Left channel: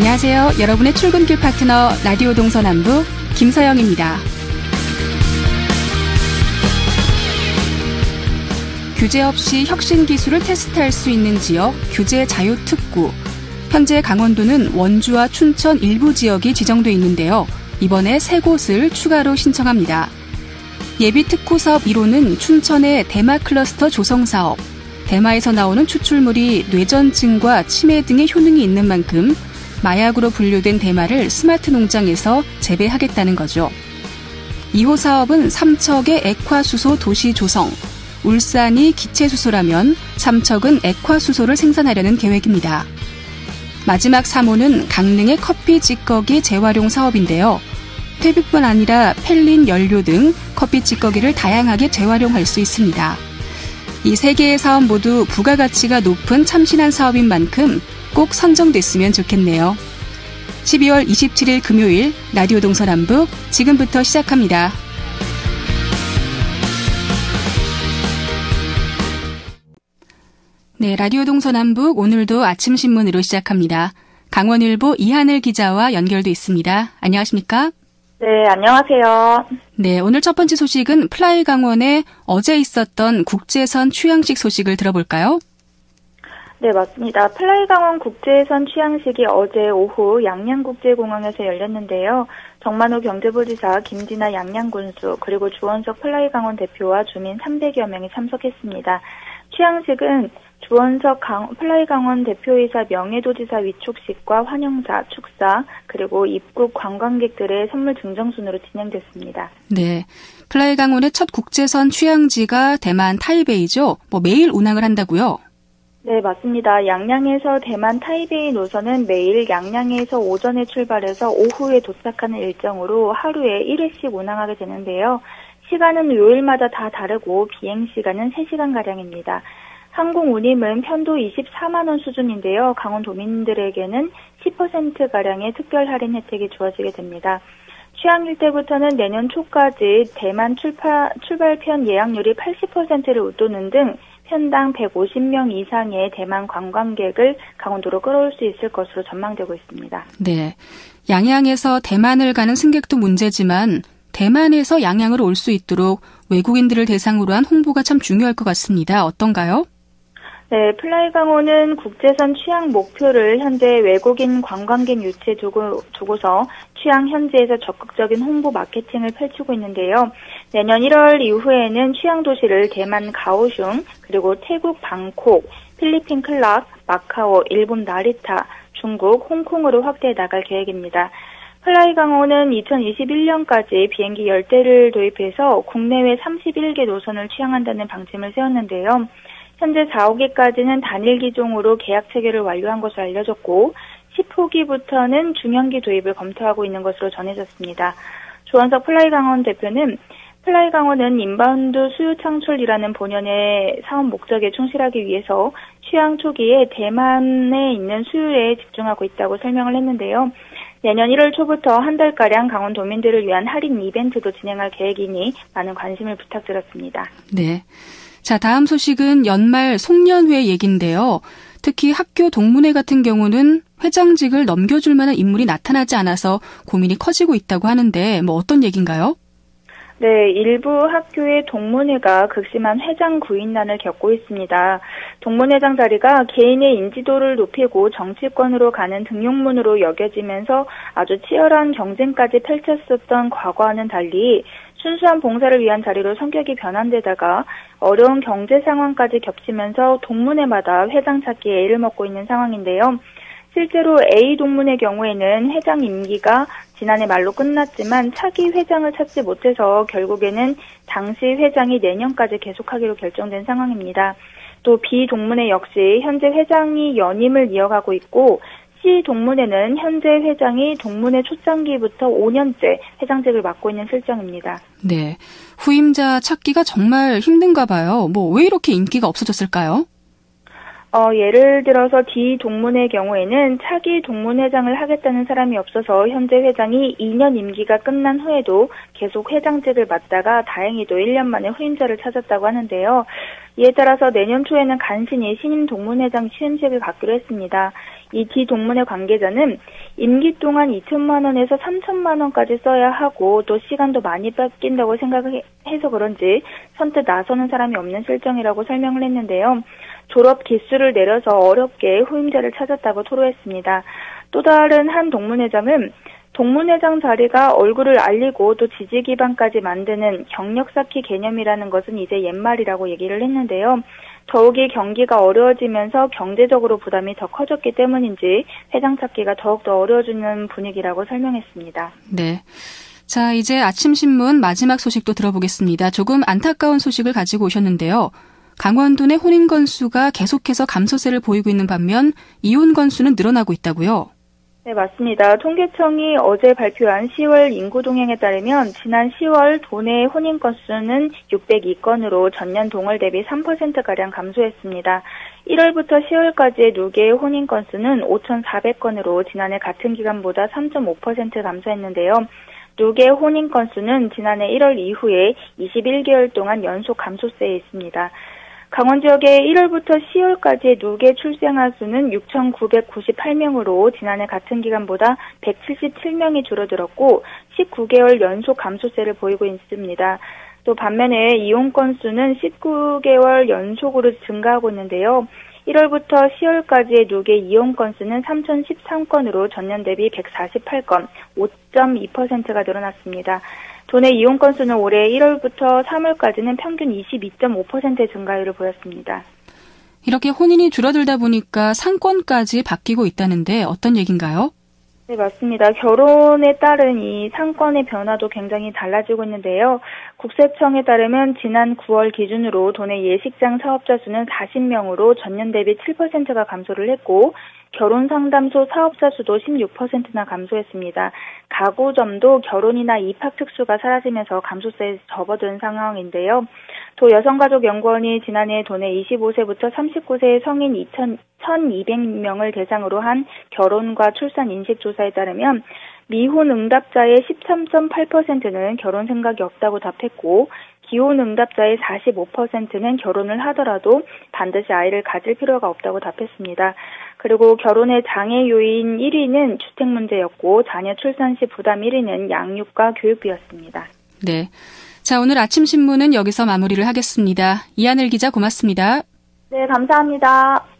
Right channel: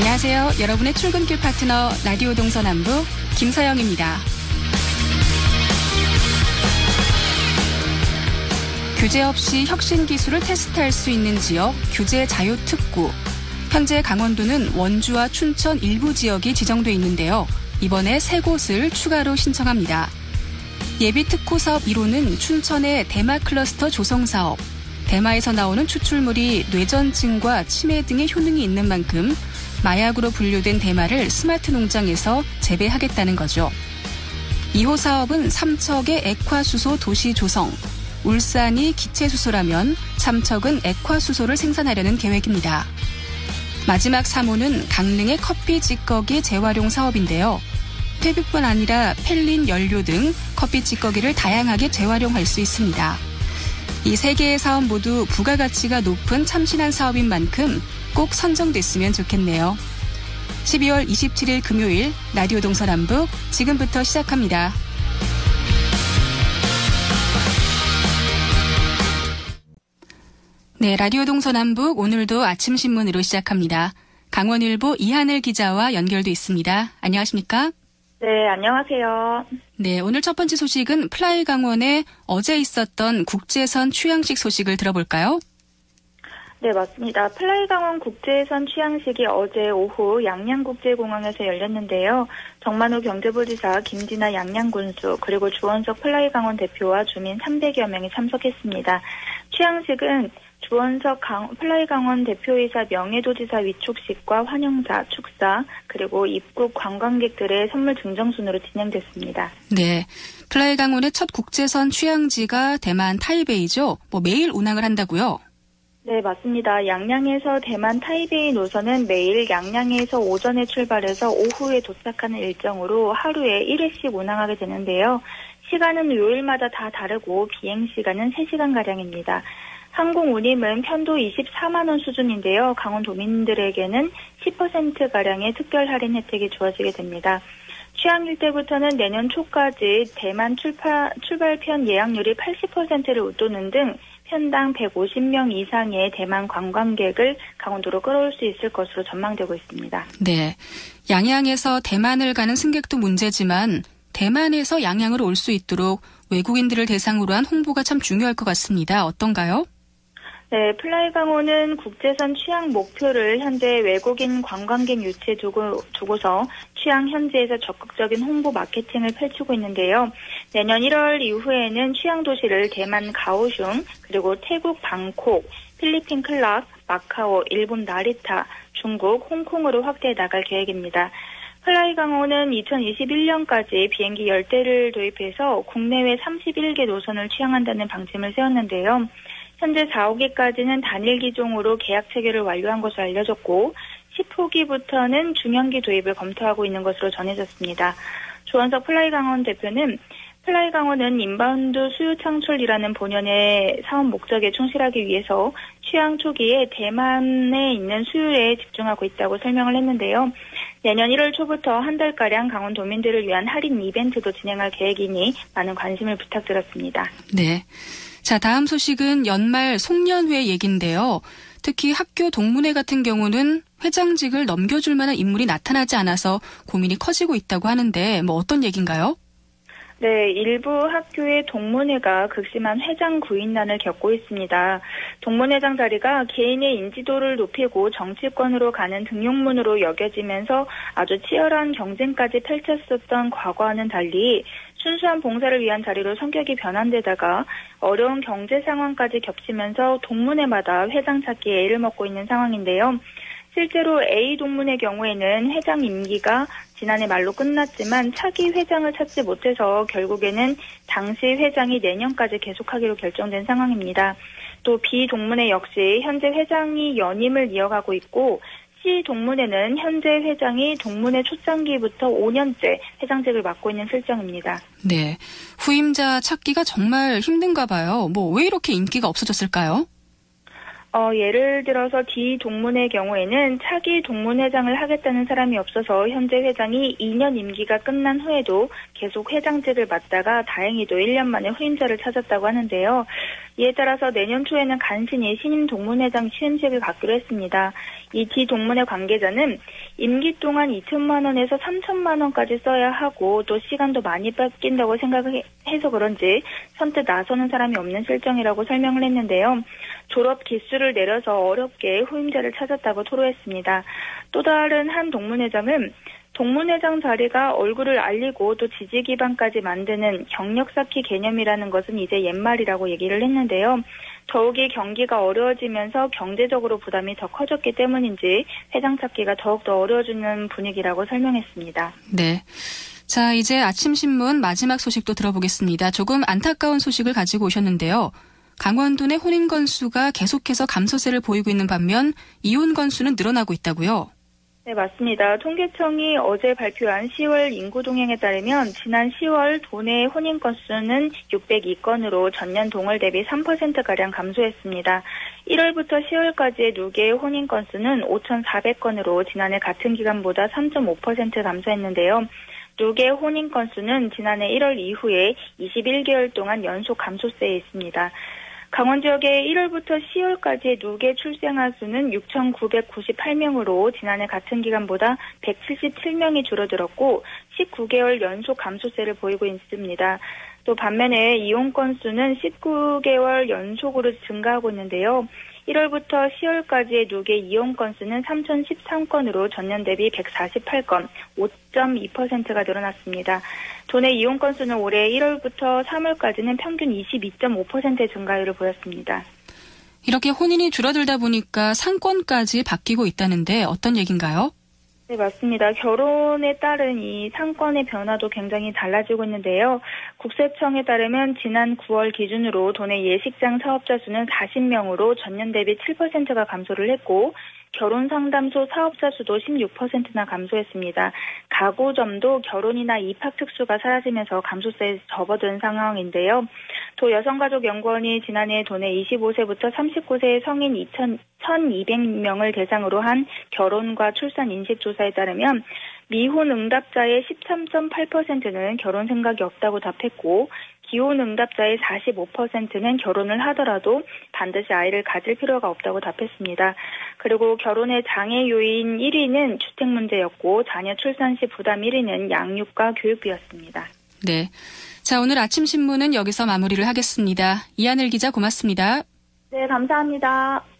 안녕하세요. 여러분의 출근길 파트너 라디오 동서남북 김서영입니다. 규제 없이 혁신 기술을 테스트할 수 있는 지역 규제 자유특구. 현재 강원도는 원주와 춘천 일부 지역이 지정돼 있는데요. 이번에 3곳을 추가로 신청합니다. 예비 특구 사업 1호는 춘천의 대마 클러스터 조성 사업. 대마에서 나오는 추출물이 뇌전증과 치매 등의 효능이 있는 만큼 마약으로 분류된 대마를 스마트 농장에서 재배하겠다는 거죠. 2호 사업은 삼척의 액화수소 도시 조성. 울산이 기체수소라면 삼척은 액화수소를 생산하려는 계획입니다. 마지막 3호는 강릉의 커피 찌꺼기 재활용 사업인데요. 퇴비뿐 아니라 펠린 연료 등 커피 찌꺼기를 다양하게 재활용할 수 있습니다. 이 3개의 사업 모두 부가가치가 높은 참신한 사업인 만큼 꼭 선정됐으면 좋겠네요. 12월 27일 금요일 라디오 동서남북 지금부터 시작합니다. 네, 라디오 동서남북 오늘도 아침 신문으로 시작합니다. 강원일보 이하늘 기자와 연결돼 있습니다. 안녕하십니까? 네, 안녕하세요. 네, 오늘 첫 번째 소식은 플라이 강원에 어제 있었던 국제선 취항식 소식을 들어볼까요? 네, 맞습니다. 플라이 강원 국제선 취항식이 어제 오후 양양국제공항에서 열렸는데요. 정만호 경제부지사, 김진아 양양군수, 그리고 주원석 플라이 강원 대표와 주민 300여 명이 참석했습니다. 취항식은 주원석 플라이 강원 대표이사 명예도지사 위촉식과 환영사, 축사, 그리고 입국 관광객들의 선물 증정 순으로 진행됐습니다. 네, 플라이 강원의 첫 국제선 취항지가 대만 타이베이죠. 매일 운항을 한다고요? 네, 맞습니다. 양양에서 대만 타이베이 노선은 매일 양양에서 오전에 출발해서 오후에 도착하는 일정으로 하루에 1회씩 운항하게 되는데요. 시간은 요일마다 다 다르고 비행시간은 3시간가량입니다. 항공 운임은 편도 24만 원 수준인데요. 강원도민들에게는 10%가량의 특별 할인 혜택이 주어지게 됩니다. 취항일 때부터는 내년 초까지 대만 출발편 예약률이 80%를 웃도는 등 편당 150명 이상의 대만 관광객을 강원도로 끌어올 수 있을 것으로 전망되고 있습니다. 네, 양양에서 대만을 가는 승객도 문제지만 대만에서 양양으로 올 수 있도록 외국인들을 대상으로 한 홍보가 참 중요할 것 같습니다. 어떤가요? 네, 플라이 강원은 국제선 취항 목표를 현재 외국인 관광객 유치에 두고서 취항 현지에서 적극적인 홍보 마케팅을 펼치고 있는데요. 내년 1월 이후에는 취항 도시를 대만 가오슝, 그리고 태국 방콕, 필리핀 클락, 마카오, 일본 나리타, 중국 홍콩으로 확대해 나갈 계획입니다. 플라이 강원은 2021년까지 비행기 10대를 도입해서 국내외 31개 노선을 취항한다는 방침을 세웠는데요. 현재 4, 5기까지는 단일 기종으로 계약 체결을 완료한 것으로 알려졌고 10호기부터는 중형기 도입을 검토하고 있는 것으로 전해졌습니다. 조원석 플라이 강원 대표는 플라이 강원은 인바운드 수요 창출이라는 본연의 사업 목적에 충실하기 위해서 취항 초기에 대만에 있는 수요에 집중하고 있다고 설명을 했는데요. 내년 1월 초부터 한 달가량 강원도민들을 위한 할인 이벤트도 진행할 계획이니 많은 관심을 부탁드렸습니다. 네. 자, 다음 소식은 연말 송년회 얘기인데요. 특히 학교 동문회 같은 경우는 회장직을 넘겨줄 만한 인물이 나타나지 않아서 고민이 커지고 있다고 하는데 어떤 얘기인가요? 네, 일부 학교의 동문회가 극심한 회장 구인난을 겪고 있습니다. 동문회장 자리가 개인의 인지도를 높이고 정치권으로 가는 등용문으로 여겨지면서 아주 치열한 경쟁까지 펼쳤었던 과거와는 달리 순수한 봉사를 위한 자리로 성격이 변한 데다가 어려운 경제 상황까지 겹치면서 동문회마다 회장 찾기에 애를 먹고 있는 상황인데요. 실제로 A 동문의 경우에는 회장 임기가 지난해 말로 끝났지만 차기 회장을 찾지 못해서 결국에는 당시 회장이 내년까지 계속하기로 결정된 상황입니다. 또 B 동문회 역시 현재 회장이 연임을 이어가고 있고 C 동문회는 현재 회장이 동문회 초창기부터 5년째 회장직을 맡고 있는 실정입니다. 네, 후임자 찾기가 정말 힘든가 봐요. 왜 이렇게 인기가 없어졌을까요? 예를 들어서 D 동문회의 경우에는 차기 동문회장을 하겠다는 사람이 없어서 현재 회장이 2년 임기가 끝난 후에도 계속 회장직을 맡다가 다행히도 1년 만에 후임자를 찾았다고 하는데요. 이에 따라서 내년 초에는 간신히 신임 동문회장 취임식을 갖기로 했습니다. 이 뒤 동문회 관계자는 임기 동안 2천만 원에서 3천만 원까지 써야 하고 또 시간도 많이 뺏긴다고 생각해서 그런지 선뜻 나서는 사람이 없는 실정이라고 설명을 했는데요. 졸업 기수를 내려서 어렵게 후임자를 찾았다고 토로했습니다. 또 다른 한 동문회장은 동문회장 자리가 얼굴을 알리고 또 지지 기반까지 만드는 경력 쌓기 개념이라는 것은 이제 옛말이라고 얘기를 했는데요. 더욱이 경기가 어려워지면서 경제적으로 부담이 더 커졌기 때문인지 회장 찾기가 더욱더 어려워지는 분위기라고 설명했습니다. 네. 자, 이제 아침신문 마지막 소식도 들어보겠습니다. 조금 안타까운 소식을 가지고 오셨는데요. 강원도 내 혼인 건수가 계속해서 감소세를 보이고 있는 반면 이혼 건수는 늘어나고 있다고요? 네, 맞습니다. 통계청이 어제 발표한 10월 인구 동향에 따르면 지난 10월 도내 혼인 건수는 602건으로 전년 동월 대비 3%가량 감소했습니다. 1월부터 10월까지의 누계의 혼인 건수는 5,400건으로 지난해 같은 기간보다 3.5% 감소했는데요. 누계 혼인 건수는 지난해 1월 이후에 21개월 동안 연속 감소세에 있습니다. 강원 지역의 1월부터 10월까지의 누계 출생아 수는 6,998명으로 지난해 같은 기간보다 177명이 줄어들었고 19개월 연속 감소세를 보이고 있습니다. 또 반면에 이혼 건수는 19개월 연속으로 증가하고 있는데요. 1월부터 10월까지의 누계 이혼 건수는 3,013건으로 전년 대비 148건, 5.2%가 늘어났습니다. 도내 이혼 건수는 올해 1월부터 3월까지는 평균 22.5%의 증가율을 보였습니다. 이렇게 혼인이 줄어들다 보니까 상권까지 바뀌고 있다는데 어떤 얘기인가요? 네, 맞습니다. 결혼에 따른 이 상권의 변화도 굉장히 달라지고 있는데요. 국세청에 따르면 지난 9월 기준으로 도내 예식장 사업자 수는 40명으로 전년 대비 7%가 감소를 했고 결혼상담소 사업자 수도 16%나 감소했습니다. 가구점도 결혼이나 입학 특수가 사라지면서 감소세에 접어든 상황인데요. 또 여성가족연구원이 지난해 도내 25세부터 39세의 성인 1,200명을 대상으로 한 결혼과 출산 인식조사에 따르면 미혼 응답자의 13.8%는 결혼 생각이 없다고 답했고 기혼 응답자의 45%는 결혼을 하더라도 반드시 아이를 가질 필요가 없다고 답했습니다. 그리고 결혼의 장애 요인 1위는 주택 문제였고 자녀 출산 시 부담 1위는 양육과 교육비였습니다. 네. 자, 오늘 아침 신문은 여기서 마무리를 하겠습니다. 이하늘 기자 고맙습니다. 네, 감사합니다.